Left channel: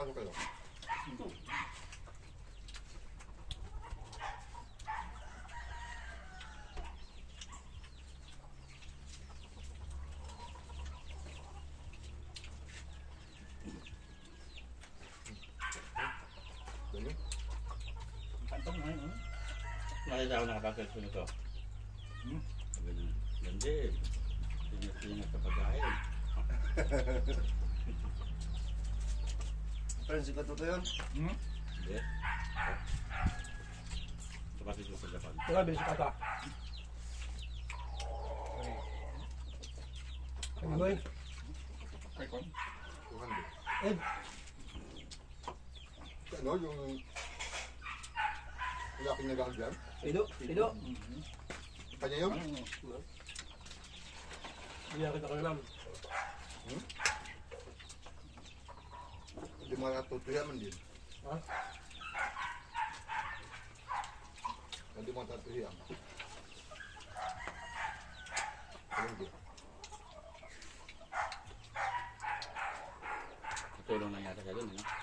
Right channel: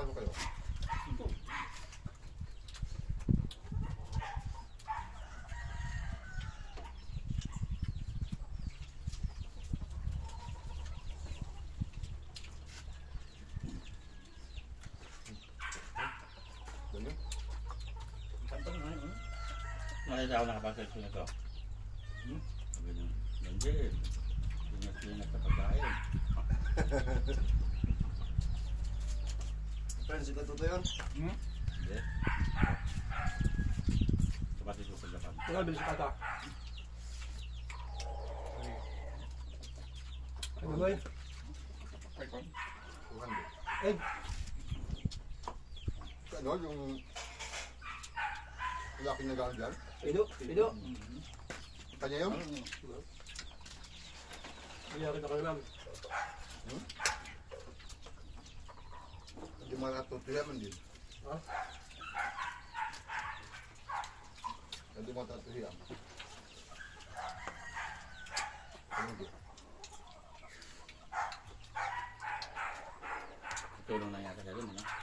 Pasok kayo. Dali. Kantong na yun. Nakita ako nakapasok sa ito. Sabi na, Bandit, ingat-ingat sa pagkain. Friends, ito to yun. Hindi. Kapatid ko sa Japan. Wala, bilis ka ta. Ano ba yun? Kay Kon. 200. Eh, Ano yung... Wala akong nagaan dyan? pido, pido. Kanya yun? Hindi ako kita lang. Hindi mo natutuyaman din. Ha? Hindi mo tatuhiyan. Hindi. Tulong lang yata siya dun, ano?